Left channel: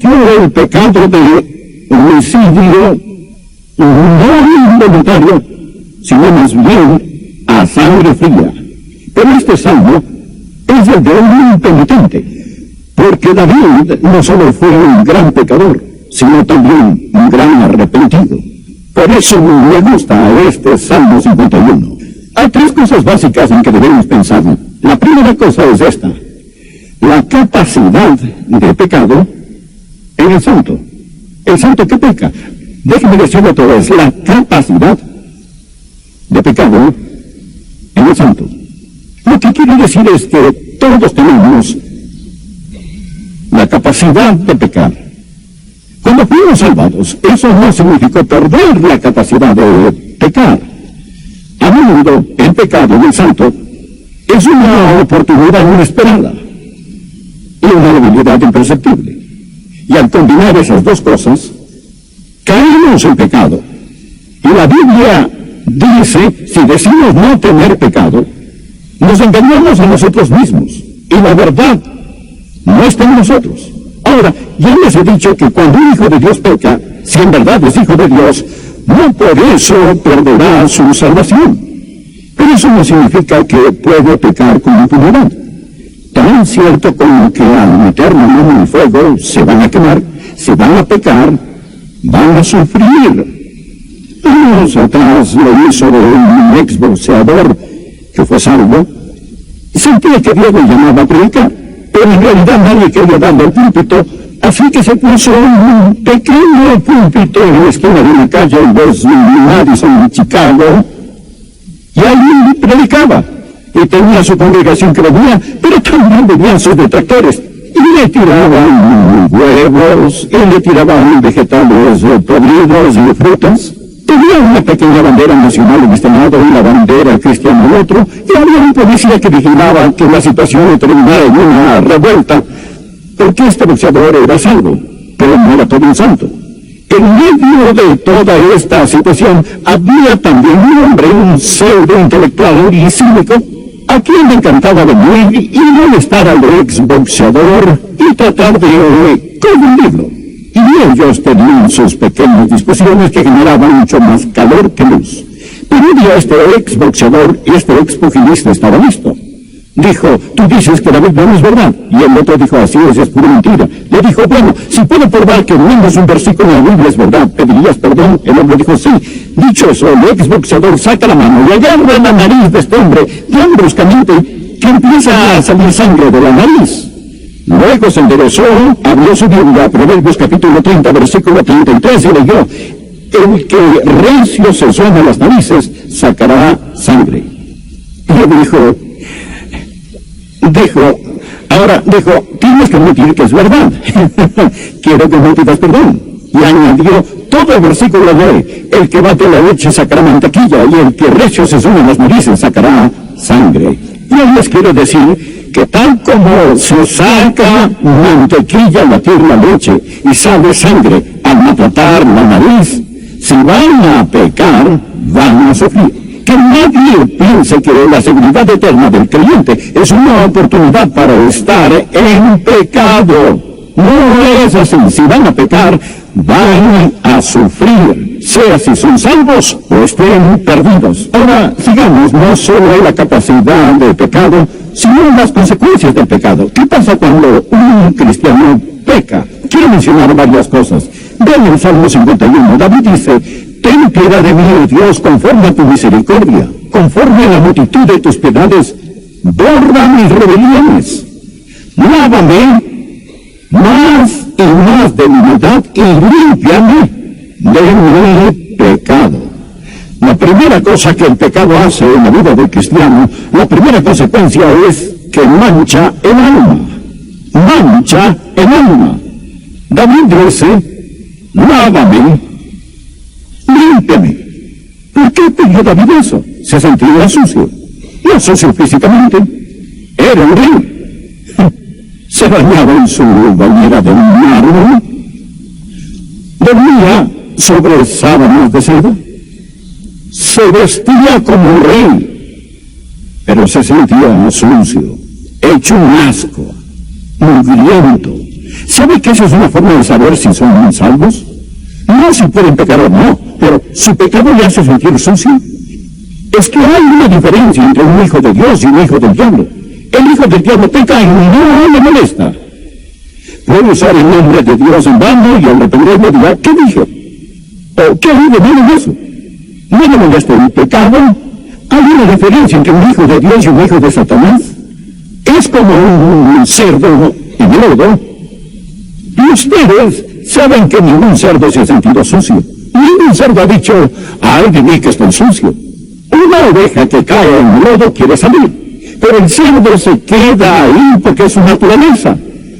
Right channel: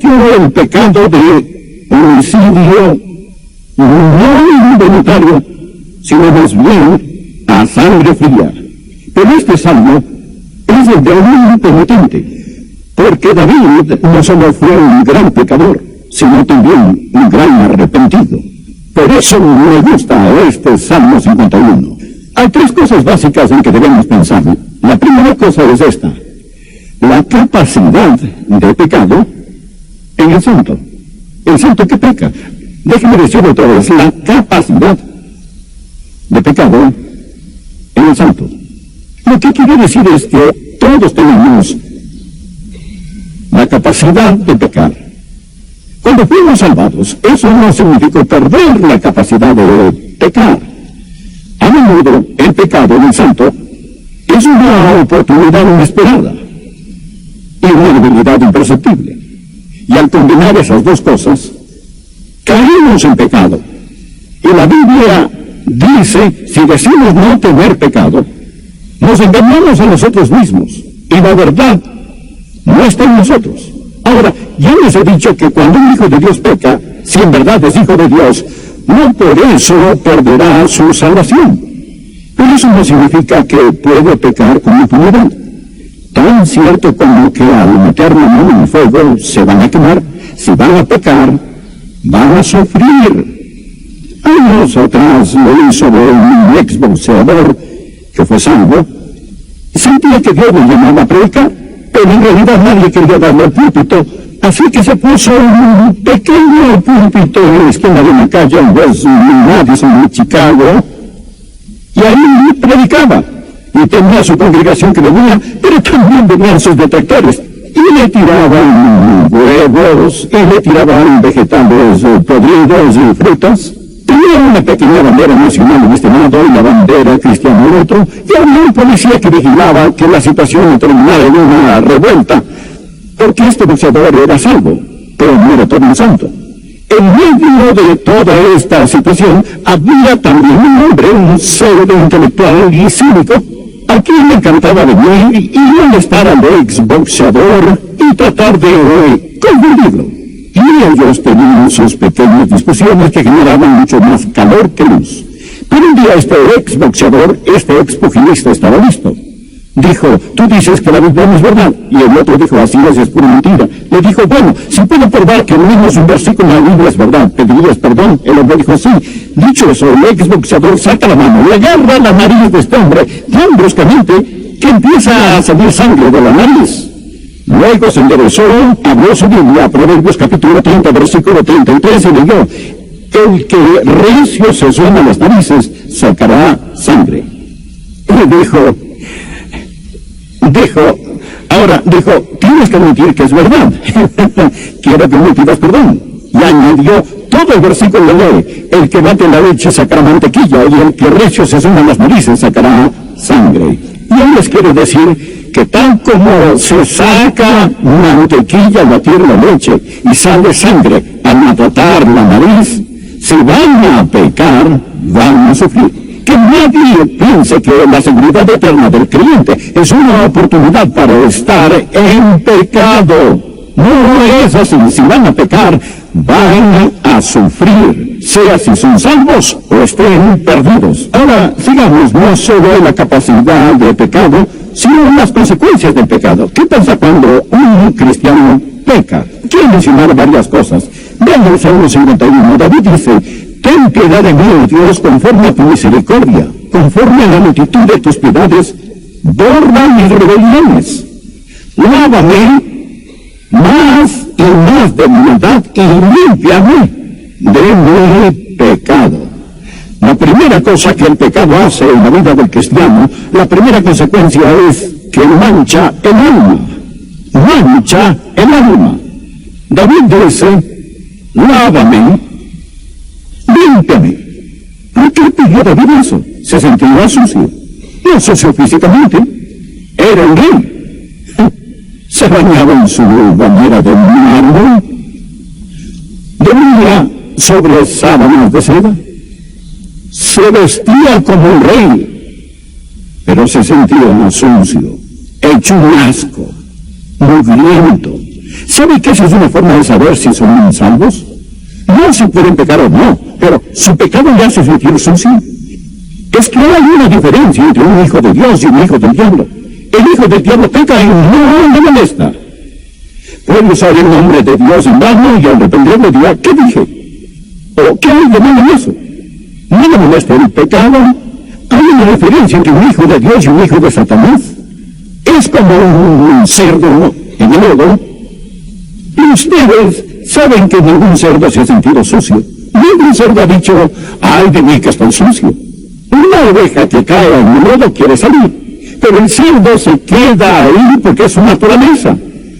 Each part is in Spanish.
cometió el pecado de homicidio no involuntario, sino más bien a sangre fría. Pero este salmo es el de un impenitente, porque David no solo fue un gran pecador, sino también un gran arrepentido. Por eso me gusta este Salmo 51. Hay tres cosas básicas en que debemos pensar. La primera cosa es esta: la capacidad de pecado en el santo. El santo que peca. Déjenme decirlo otra vez: la capacidad de pecado en el santo. Lo que quiero decir es que todos tenemos la capacidad de pecar. Cuando fuimos salvados, eso no significó perder la capacidad de pecar. A menudo, el pecado en el santo es una oportunidad inesperada y una debilidad imperceptible. Y al combinar esas dos cosas, caemos en pecado. Y la Biblia dice, si decimos no tener pecado, nos engañamos a nosotros mismos, y la verdad no está en nosotros. Ahora, ya les he dicho que cuando un hijo de Dios peca, si en verdad es hijo de Dios, no por eso perderá su salvación. Pero eso no significa que puede pecar con impunidad. Tan cierto como que al meter la mano en el fuego se van a quemar, si van a pecar, van a sufrir. Años atrás leí sobre un exboxeador que fue salvo. Sentía que Dios le llamaba a predicar, pero en realidad nadie quería darle el púlpito, así que se puso un pequeño púlpito en la esquina de una calle en West Madison, Chicago, y ahí predicaba. Y tenía su congregación que venía, pero también venían sus detractores, y le tiraban huevos, y le tiraban vegetales podridos y frutas. Tenía una pequeña bandera nacional en este lado y la bandera cristiana en otro, y había un policía que vigilaba que la situación no terminara en una revuelta, porque este boxeador era salvo, pero no era todo un santo. En medio de toda esta situación había también un hombre, un pseudo intelectual y cívico, a quien le encantaba venir y molestar al exboxeador y tratar de confundirlo. Y ellos tenían sus pequeñas discusiones que generaban mucho más calor que luz. Pero un día este exboxeador, este expugilista estaba listo. Dijo, tú dices que la Biblia no es verdad. Y el otro dijo, así es pura mentira. Le dijo, bueno, si puedo probar que al menos un versículo en la Biblia es verdad, ¿pedirías perdón? El hombre dijo, sí. Dicho eso, el exboxeador saca la mano y agarra la nariz de este hombre tan bruscamente que empieza a salir sangre de la nariz. Luego se enderezó, abrió su Biblia, Proverbios capítulo 30, versículo 33, y leyó, el que recio se suena las narices, sacará sangre. Y dijo, tienes que admitir que es verdad. Quiero que me pidas perdón. Y añadió todo el versículo de la ley, el que bate la leche sacará mantequilla, y el que recio se suena las narices sacará sangre. Y hoy les quiero decir que tal como se saca mantequilla al batir la leche y sale sangre al maltratar la nariz, si van a pecar, van a sufrir. Que nadie piense que la seguridad eterna del creyente es una oportunidad para estar en pecado. No es así. Si van a pecar, van a sufrir, sea si son salvos o estén perdidos. Ahora, sigamos, no solo en la capacidad de pecado, sino en las consecuencias del pecado. ¿Qué pasa cuando un cristiano peca? Quiero mencionar varias cosas. Vean el Salmo 51. David dice, ten piedad de mí, oh Dios, conforme a tu misericordia, conforme a la multitud de tus piedades, borra mis rebeliones. Lávame más y más de mi maldad y límpiame de mi pecado. La primera cosa que el pecado hace en la vida del cristiano, la primera consecuencia es que mancha el alma. Mancha el alma. David dice, lávame, límpiame. ¿Por qué pidió David eso? Se sentía sucio. No sucio físicamente. Era un rey. Se bañaba en su bañera de mármol. Dormía sobre sábanas de seda. Se vestía como un rey. Pero se sentía sucio, hecho un asco, mugriento. ¿Sabe que esa es una forma de saber si son salvos? No si pueden pecar o no, pero ¿su pecado le hace sentir sucio? Es que hay una diferencia entre un hijo de Dios y un hijo del diablo. El hijo del diablo peca y no le molesta. Puede usar el nombre de Dios en vano y al reprenderlo dirá, ¿qué dije? ¿O qué hay de malo en eso? ¿No le molesta el pecado? ¿Hay una diferencia entre un hijo de Dios y un hijo de Satanás? Es como un cerdo en el lodo. Y ustedes saben que ningún cerdo se ha sentido sucio. Ningún cerdo ha dicho, ay de mí que estoy sucio. Una oveja que cae en el lodo quiere salir, pero el cerdo se queda ahí porque es su naturaleza.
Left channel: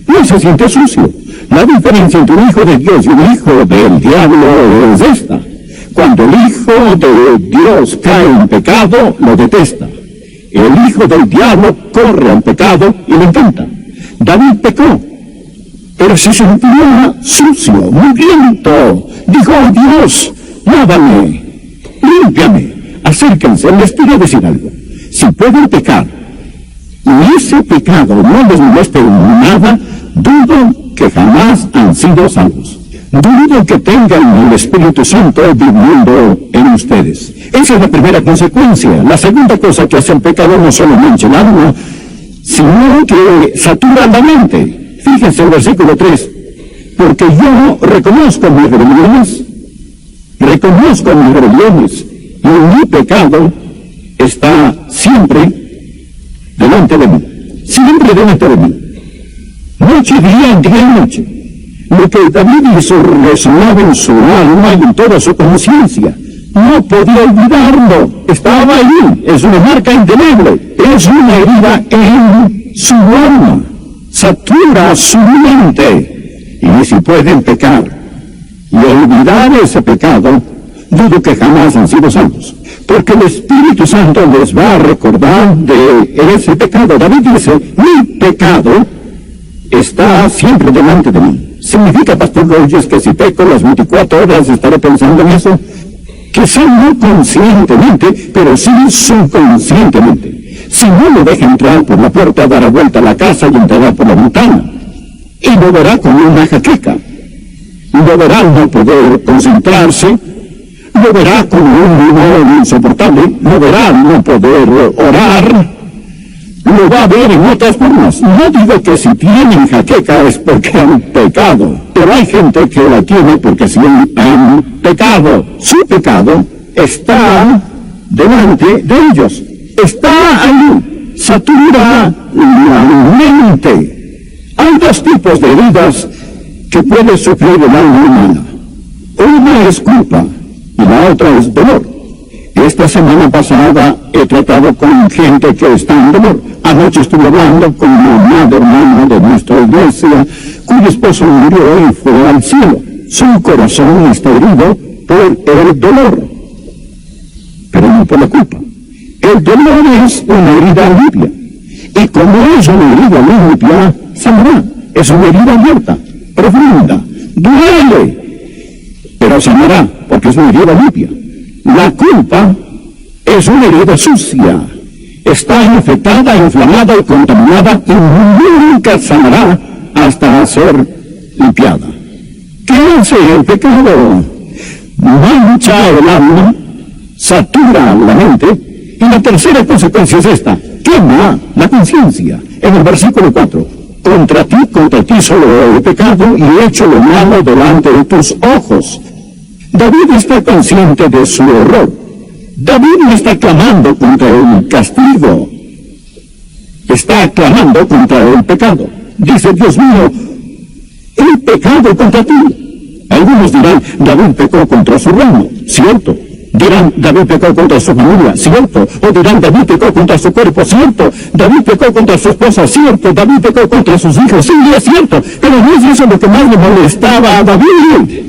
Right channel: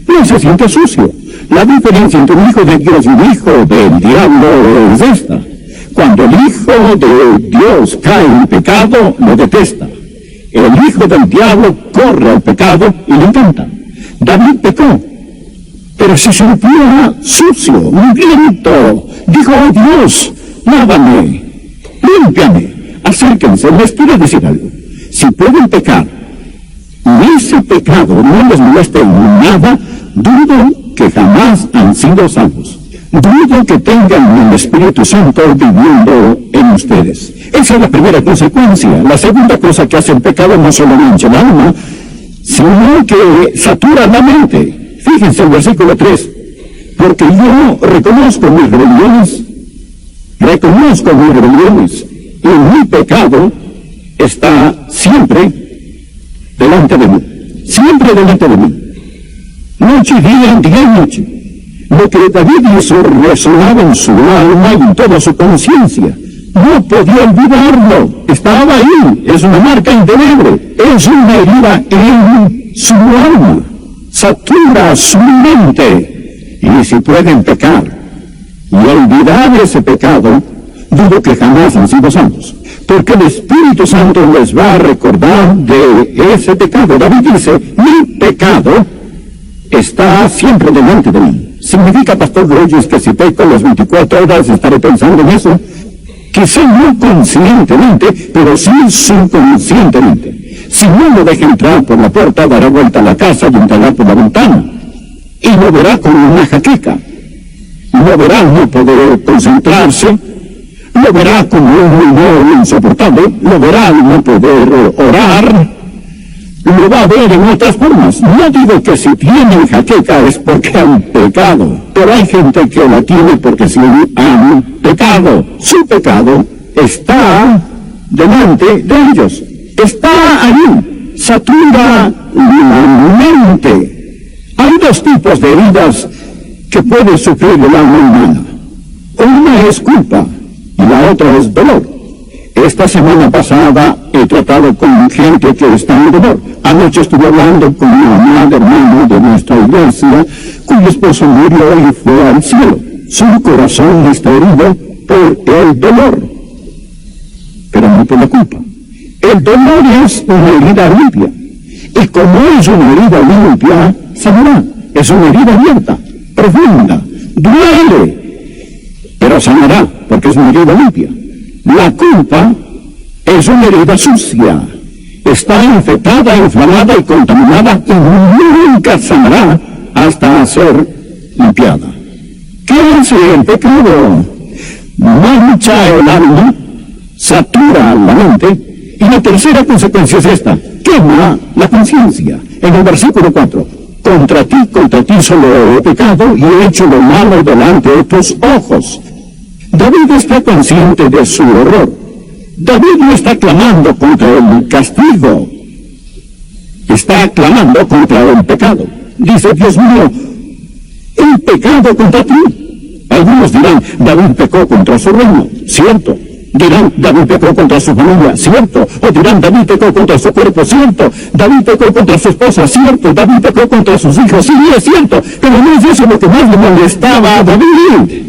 No se siente sucio. La diferencia entre un hijo de Dios y un hijo del diablo es esta. Cuando el hijo de Dios cae en pecado, lo detesta. El hijo del diablo corre al pecado y lo intenta. David pecó, pero se sentía sucio, mugriento. Dijo, oh Dios, lávame, límpiame. Acérquense, les quiero decir algo. Si pueden pecar, y ese pecado no les moleste en nada, dudo que jamás han sido salvos. Dudo que tengan el Espíritu Santo viviendo en ustedes. Esa es la primera consecuencia. La segunda cosa que hace el pecado no solo mancha el alma, sino que satura la mente. Fíjense el versículo 3. Porque yo reconozco mis rebeliones, y mi pecado está siempre delante de mí. Siempre delante de mí. Noche y día, día y noche. Lo que David hizo resonaba en su alma y en toda su conciencia. No podía olvidarlo. Estaba ahí. Es una marca indeleble. Es una herida en su alma. Satura su mente. Y si pueden pecar y olvidar ese pecado, dudo que jamás han sido salvos. Porque el Espíritu Santo les va a recordar de ese pecado. David dice, mi pecado está siempre delante de mí. ¿Significa, Pastor Rogers, que si peco las 24 horas estaré pensando en eso? Quizá no conscientemente, pero sí subconscientemente. Si no lo deja entrar por la puerta, dará vuelta a la casa y entrará por la ventana. Y lo verá con una jaqueca. Lo verá no poder concentrarse. Lo verá con un humor insoportable. Lo verá no poder orar. Lo va a ver en otras formas. No digo que si tienen jaqueca es porque han pecado, pero hay gente que la tiene porque sí han pecado. Su pecado está delante de ellos. Está ahí. Satura la mente. Hay dos tipos de heridas que puede sufrir el alma humana. Una es culpa y la otra es dolor. Esta semana pasada he tratado con gente que está en dolor. Anoche estuve hablando con una hermana de nuestra iglesia, cuyo esposo murió y fue al cielo. Su corazón está herido por el dolor, pero no por la culpa. El dolor es una herida limpia, y como es una herida limpia, sanará. Es una herida abierta, profunda, duele, pero sanará, porque es una herida limpia. La culpa es una herida sucia. Está infectada, inflamada y contaminada y nunca sanará hasta ser limpiada. ¿Qué hace el pecado? Mancha el alma, satura la mente, y la tercera consecuencia es esta: quema la conciencia. En el versículo 4, contra ti solo he pecado y he hecho lo malo delante de tus ojos. David está consciente de su error. David no está clamando contra el castigo, está clamando contra el pecado. Dice, Dios mío, he pecado contra ti. Algunos dirán, David pecó contra su reino, cierto. Dirán, David pecó contra su familia, cierto. O dirán, David pecó contra su cuerpo, cierto. David pecó contra su esposa, cierto. David pecó contra sus hijos, sí, es cierto. Pero no es eso lo que más le molestaba a David.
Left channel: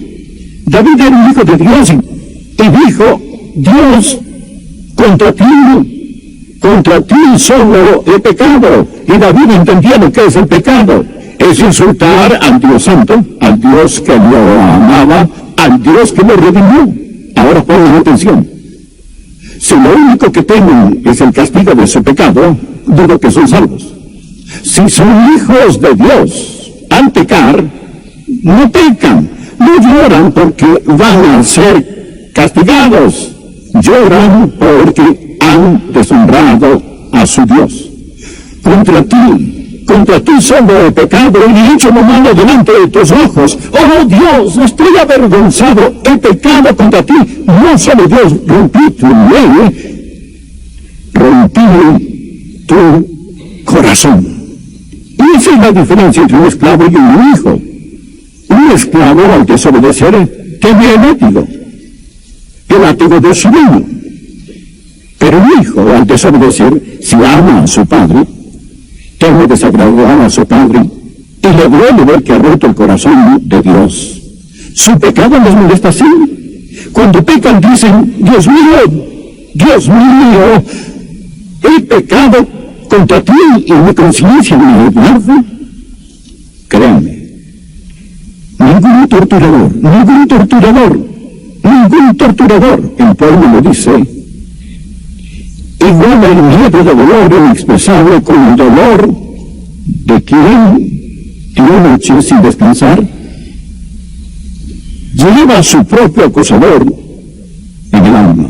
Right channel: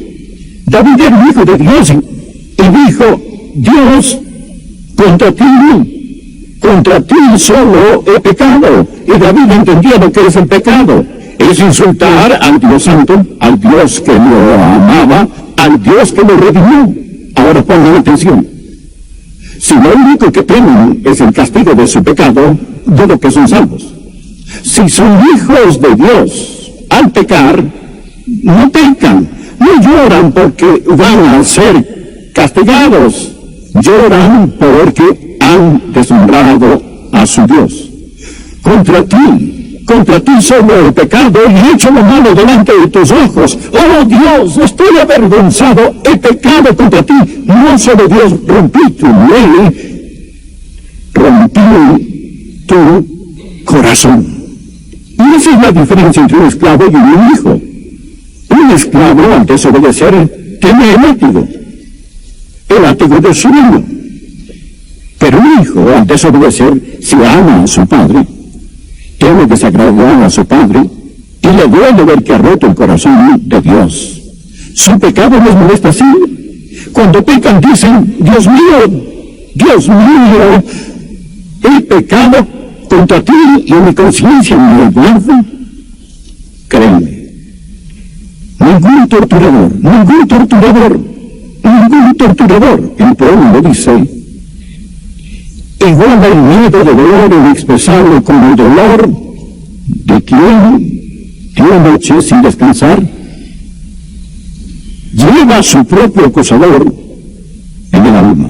David era un hijo de Dios y dijo, Dios, contra ti solo he pecado. Y David entendía lo que es el pecado. Es insultar al Dios Santo, al Dios que lo amaba, al Dios que lo redimió. Ahora pongan atención. Si lo único que temen es el castigo de su pecado, dudo que son salvos. Si son hijos de Dios, al pecar, no pecan, no lloran porque van a ser castigados, lloran porque han deshonrado a su Dios. Contra ti solo he pecado y he hecho lo malo delante de tus ojos. Oh Dios, estoy avergonzado, he pecado contra ti. No solo Dios, rompí tu ley, rompí tu corazón. Y esa es la diferencia entre un esclavo y un hijo. Un esclavo, al desobedecer, teme el látigo de su amo. Pero un hijo, al desobedecer, si ama a su padre, teme desagradar a su padre y le duele ver que ha roto el corazón de Dios. Su pecado les molesta así. Cuando pecan dicen, Dios mío, he pecado contra ti y mi conciencia me aguarda. Créanme, ningún torturador, el pueblo lo dice, iguala el miedo de dolor inexpresable con el dolor de quien en la noche sin descansar lleva a su propio acusador en el alma.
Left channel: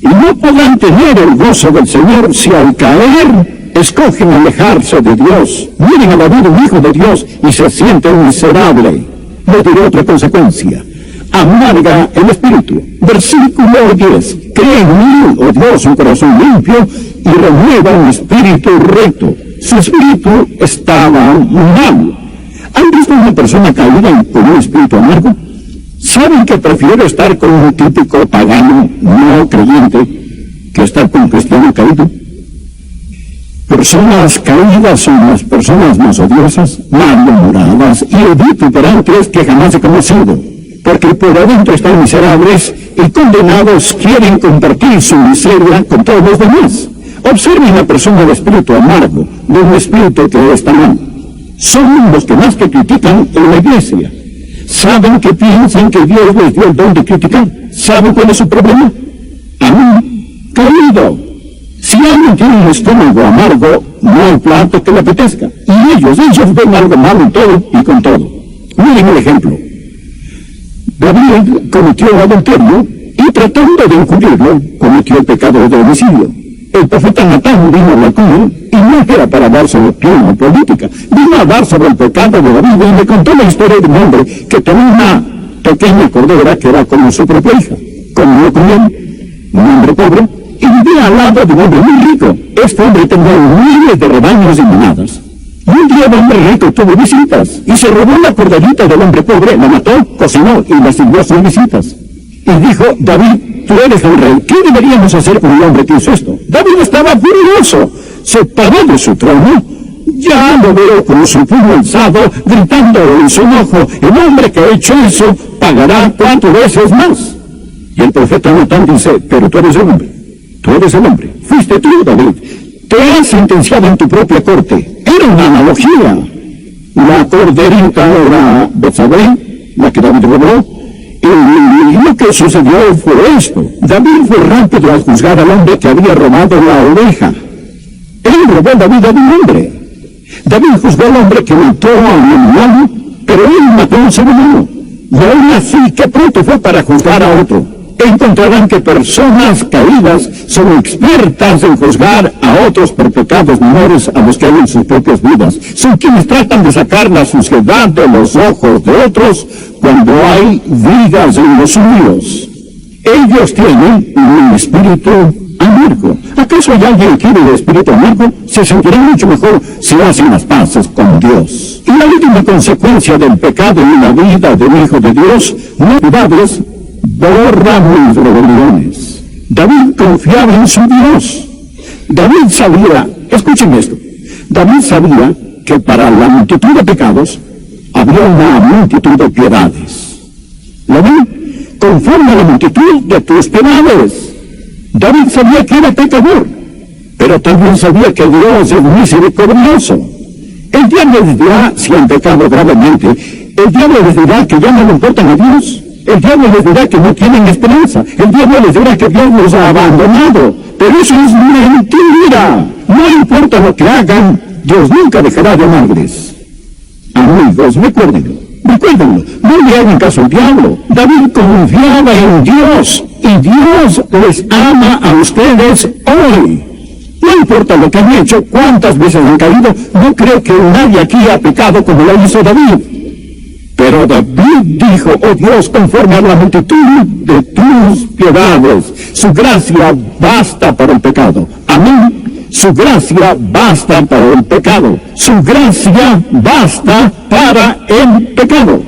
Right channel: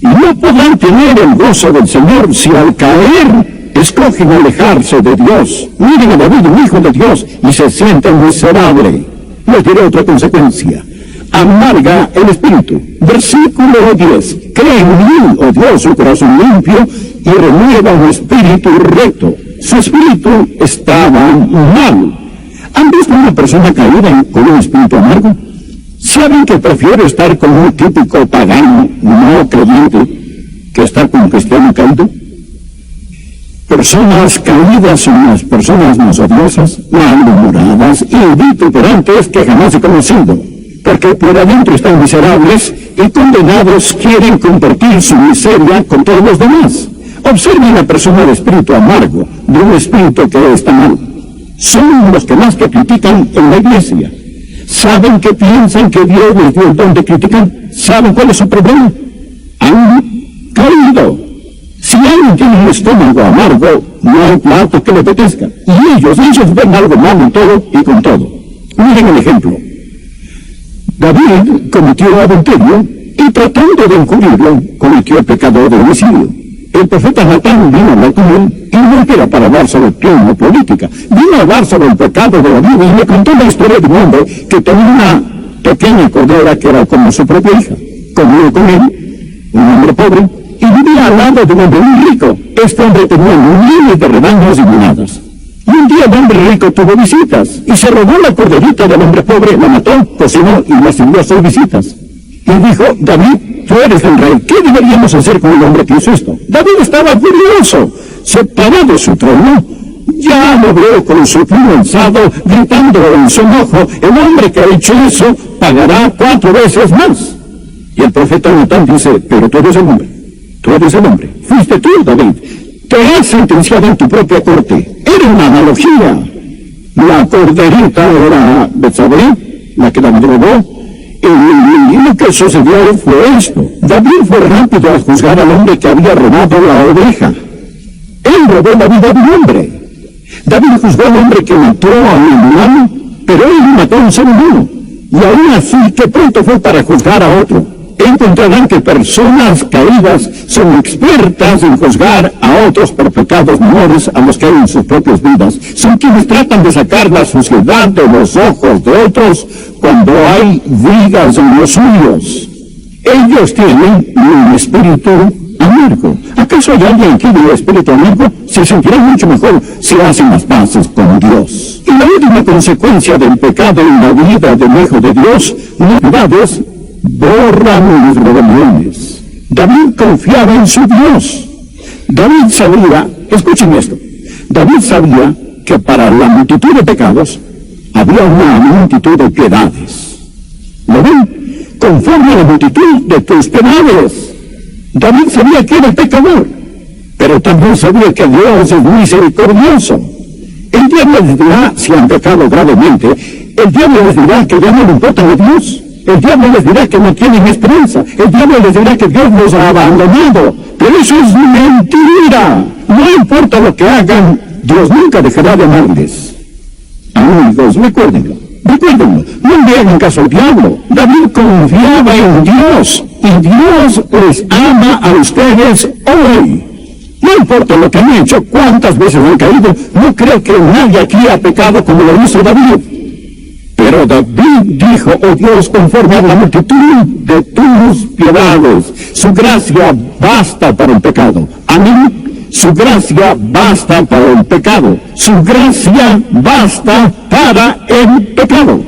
Y no podrán tener el gozo del Señor si al caer escogen alejarse de Dios. Miren a David, un hijo de Dios, y se sienten miserable. Les diré otra consecuencia. Amarga el espíritu. Versículo 10. Cree en mí, oh Dios, un corazón limpio y renueva un espíritu recto. Su espíritu estaba mal. ¿Han visto una persona caída con un espíritu amargo? ¿Saben que prefiero estar con un típico pagano no creyente que estar con un cristiano caído? Personas caídas son las personas más odiosas, malhumoradas y vituperantes que jamás he conocido, porque por adentro están miserables y condenados quieren compartir su miseria con todos los demás. Observen la persona de espíritu amargo, de un espíritu que está mal. Son los que más que critican en la iglesia. ¿Saben que piensan que Dios les dio el don de criticar? ¿Saben cuál es su problema? Han caído. Si alguien tiene un estómago amargo, no hay plato que le apetezca. Y ellos ven algo malo en todo y con todo. Miren el ejemplo. David cometió adulterio y tratando de encubrirlo, cometió el pecado de homicidio. El profeta Natán vino a hablar con él y no era para hablar sobre plena política. Vino a hablar sobre el pecado de David y le contó la historia de un hombre que tenía una pequeña cordera que era como su propia hija. Comió con él, un hombre pobre, y vivía al lado de un hombre muy rico. Este hombre tenía miles de rebaños y manadas. Un día el hombre rico tuvo visitas y se robó la corderita del hombre pobre, la mató, cocinó y la sirvió a sus visitas. Y dijo, David, tú eres el rey, ¿qué deberíamos hacer con el hombre que hizo esto? David estaba furioso, se paró de su trono, ya lo veo con su puño alzado, gritando en su enojo, el hombre que ha hecho eso pagará 4 veces más. Y el profeta Natán dice, pero tú eres el hombre, fuiste tú, David, te has sentenciado en tu propia corte. Era una analogía. La corderita era Betsabé, la que David robó, y lo que sucedió fue esto. David fue rápido a juzgar al hombre que había robado la oveja. Él robó la vida de un hombre. David juzgó al hombre que mató a un animal, pero él mató a un ser humano. Y aún así, que pronto fue para juzgar a otro. Encontrarán que personas caídas son expertas en juzgar a otros por pecados menores a los que hay en sus propias vidas. Son quienes tratan de sacar la suciedad de los ojos de otros cuando hay vigas en los suyos. Ellos tienen un espíritu amargo. ¿Acaso hay alguien que vive el espíritu amargo? Se sentirá mucho mejor si hacen las paces con Dios. Y la última consecuencia del pecado en la vida del Hijo de Dios, novedades, borran mis rebeliones. David confiaba en su Dios. David sabía, escuchen esto, David sabía que para la multitud de pecados había una multitud de piedades. ¿Lo ven? Conforme a la multitud de tus piedades. David sabía que era pecador, pero también sabía que Dios es misericordioso. El diablo les dirá, si han pecado gravemente, el diablo les dirá que ya no le importan a Dios. El diablo les dirá que no tienen esperanza. El diablo les dirá que Dios los ha abandonado. Pero eso es mentira. No importa lo que hagan, Dios nunca dejará de amarles. Amigos, recuerden, le hagan caso al diablo. David confiaba en Dios, y Dios les ama a ustedes hoy. No importa lo que han hecho, cuántas veces han caído, no creo que nadie aquí ha pecado como lo hizo David. Pero David dijo: oh Dios, conforme a la multitud de tus piedades, su gracia basta para el pecado. Amén. Su gracia basta para el pecado. Su gracia basta para el pecado.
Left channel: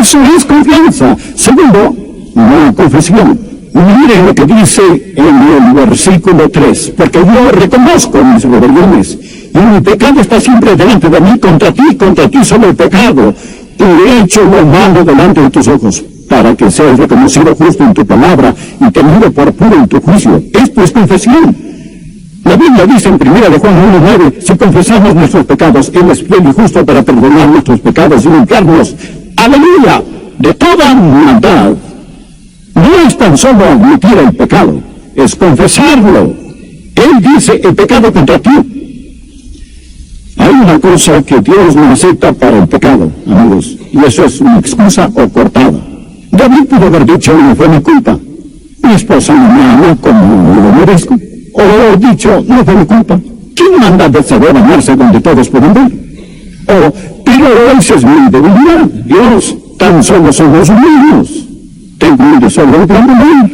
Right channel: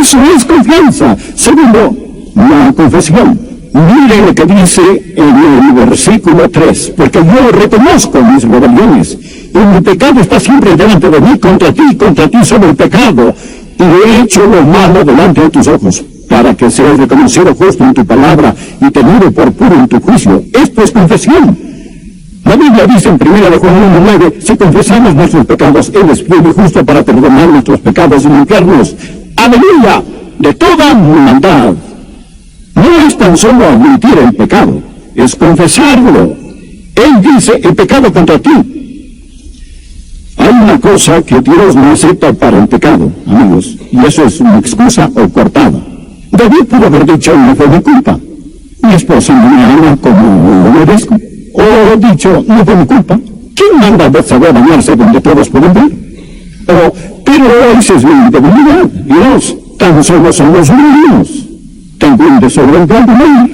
Eso es confianza. Segundo, la confesión. Mire lo que dice en el versículo 3. Porque yo reconozco mis rebeliones, y mi pecado está siempre delante de mí. Contra ti solo el pecado, y he hecho lo malo delante de tus ojos, para que seas reconocido justo en tu palabra y tenido por puro en tu juicio. Esto es confesión. La Biblia dice en 1 Juan 1:9, si confesamos nuestros pecados, Él es fiel y justo para perdonar nuestros pecados y limpiarnos, aleluya, de toda maldad. No es tan solo admitir el pecado, es confesarlo. Él dice: el pecado contra ti. Hay una cosa que Dios no acepta para el pecado, amigos, y eso es una excusa o cortada. David pudo haber dicho: no fue mi culpa, mi esposa no me ama como lo merezco. O dicho: no fue mi culpa. ¿Quién manda de saber amarse donde todos pueden ver? O, pero esa es mi debilidad. Dios, tan solo son los míos. Tengo un desorden de amor.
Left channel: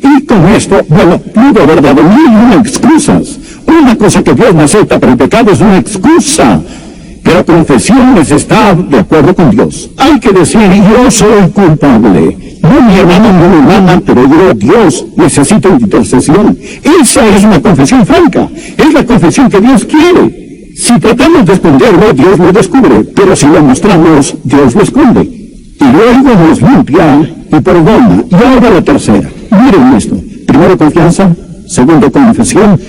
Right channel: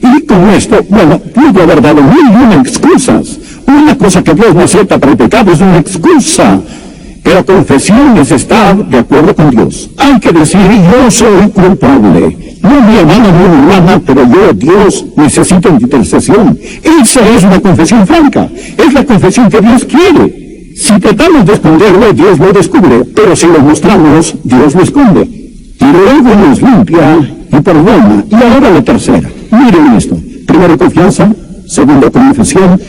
Y con esto, bueno, pudo haber dado mil y una excusas. Una cosa que Dios no acepta para el pecado es una excusa. Pero confesión es estar de acuerdo con Dios. Hay que decir: yo soy culpable. No mi hermano, no mi hermana, pero yo, Dios, necesito intercesión. Esa es una confesión franca. Es la confesión que Dios quiere. Si tratamos de esconderlo, Dios lo descubre. Pero si lo mostramos, Dios lo esconde. Y luego nos limpia y perdona. Y ahora la tercera. Miren esto. Primero, confianza. Segundo, confesión.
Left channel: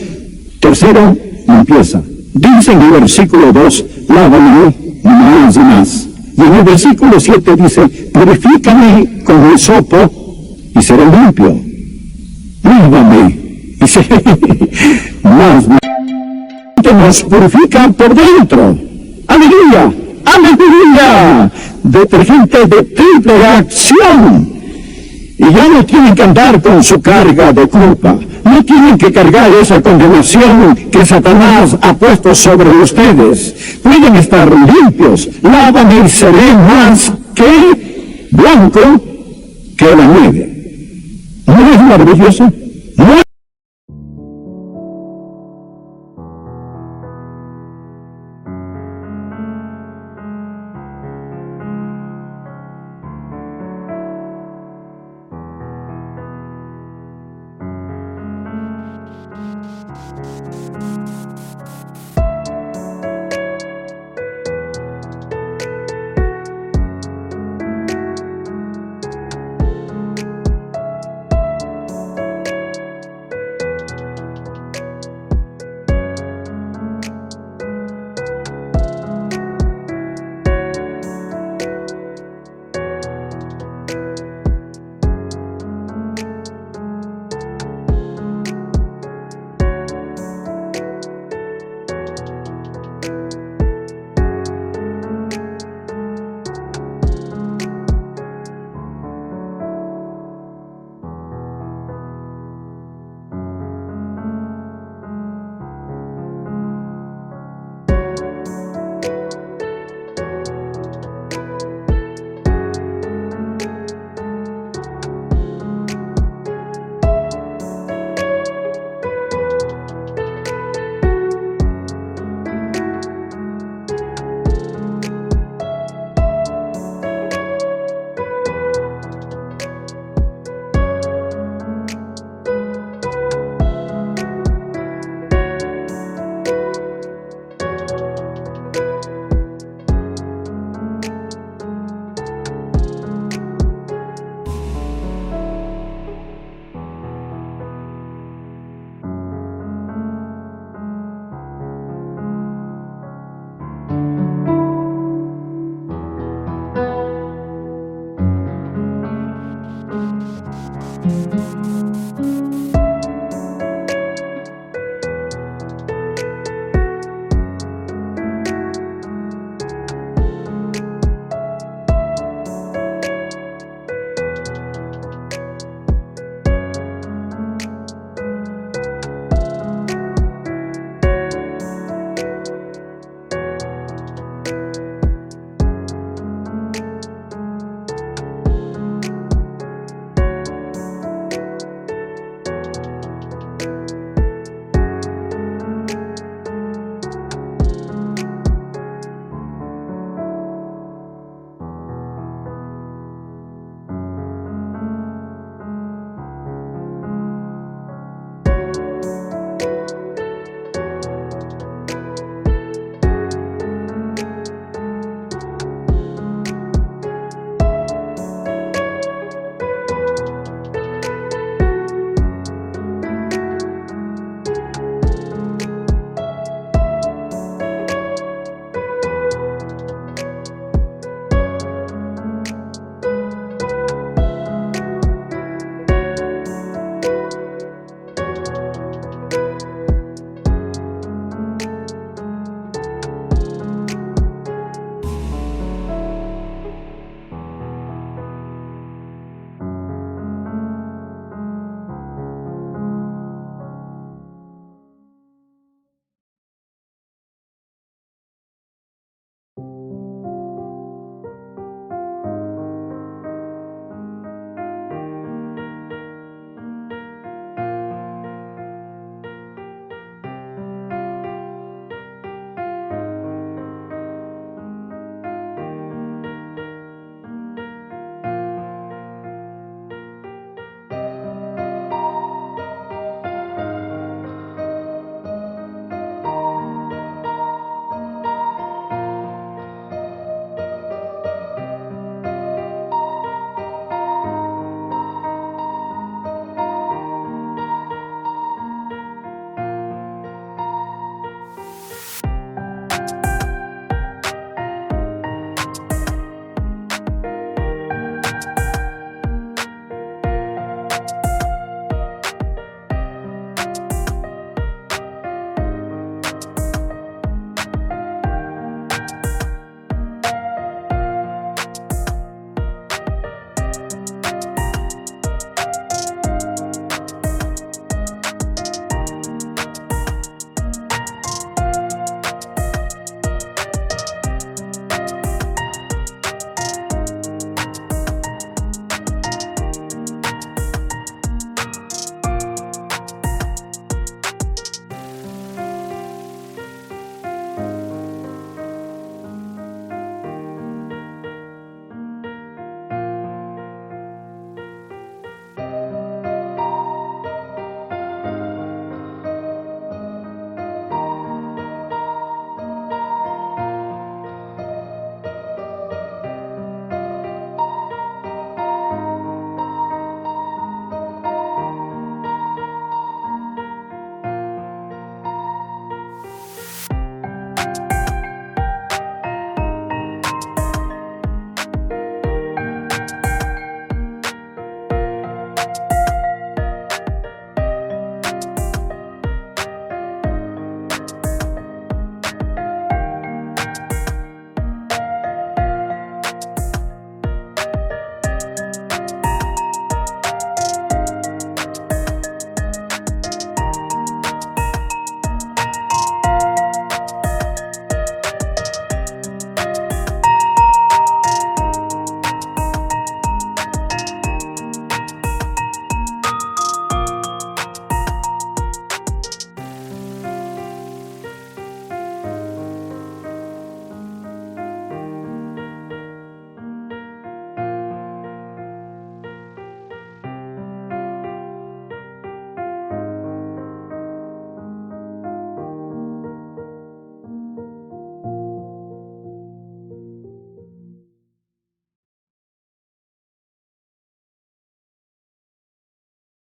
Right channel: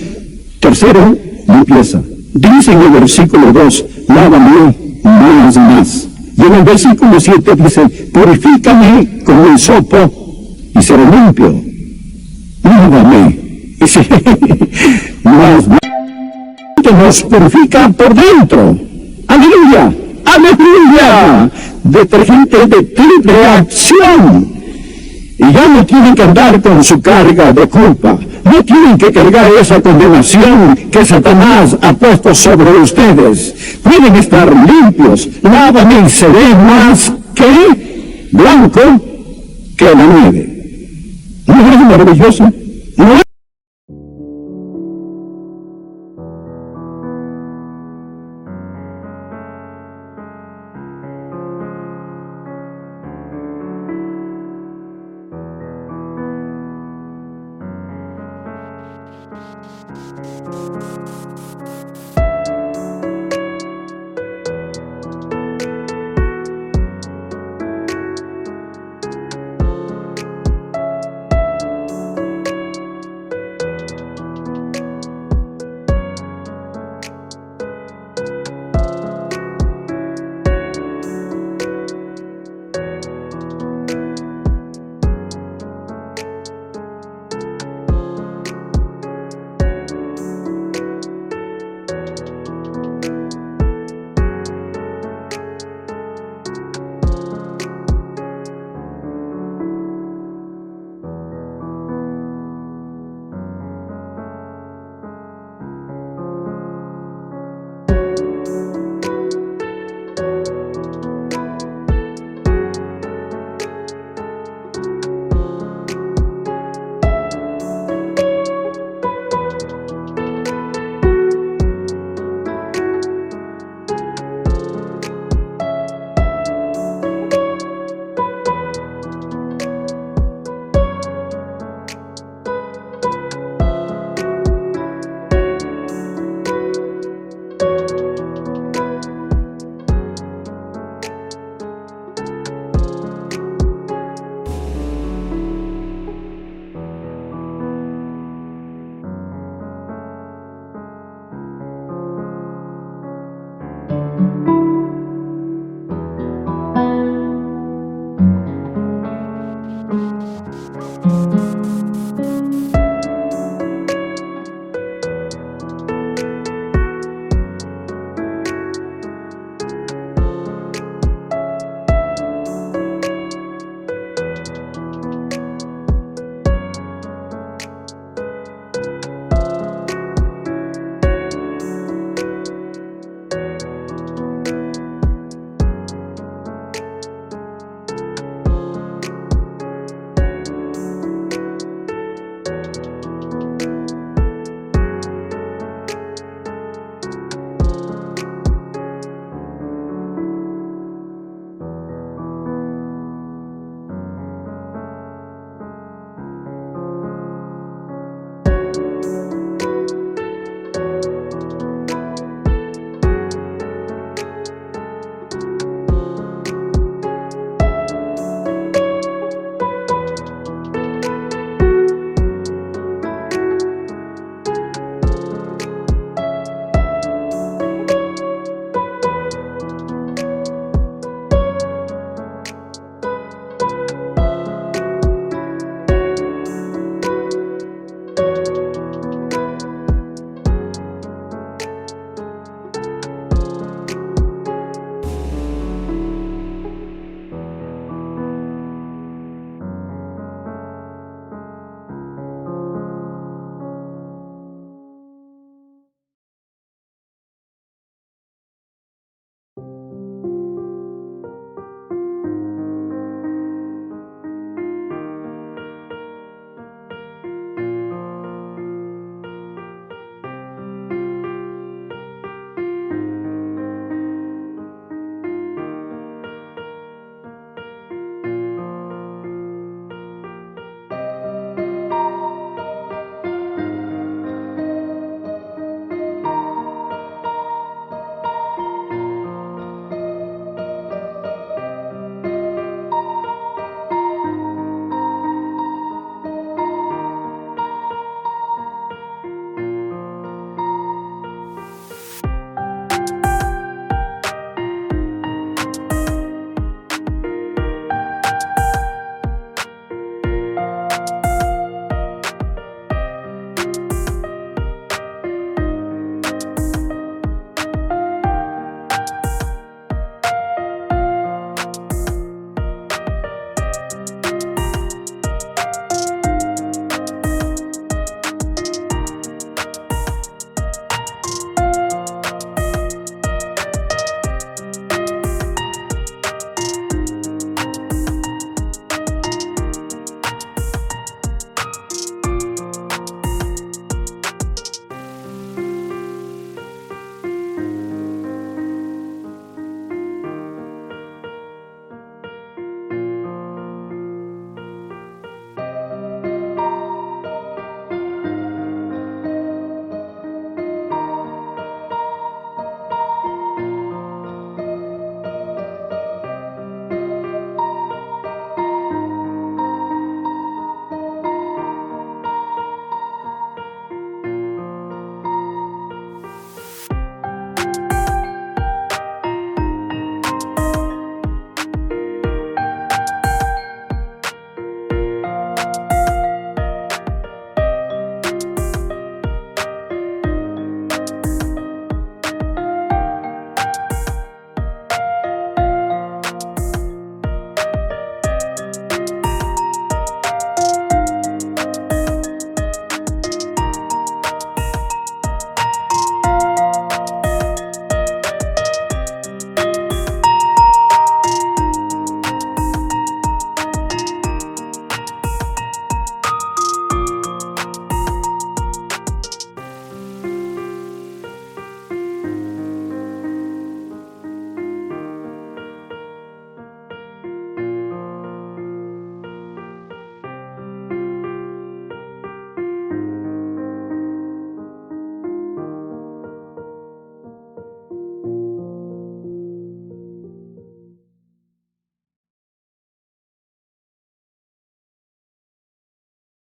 Tercero, limpieza. Dice en el versículo 2, lávame más y más. Y en el versículo 7 dice: purifícame con hisopo y seré limpio. Lávame y seré más. Nos purifica por dentro. ¡Aleluya! ¡Aleluya! Detergente de triple acción. Y ya no tienen que andar con su carga de culpa. No tienen que cargar esa condenación que Satanás ha puesto sobre ustedes. Pueden estar limpios. Lávame y seré más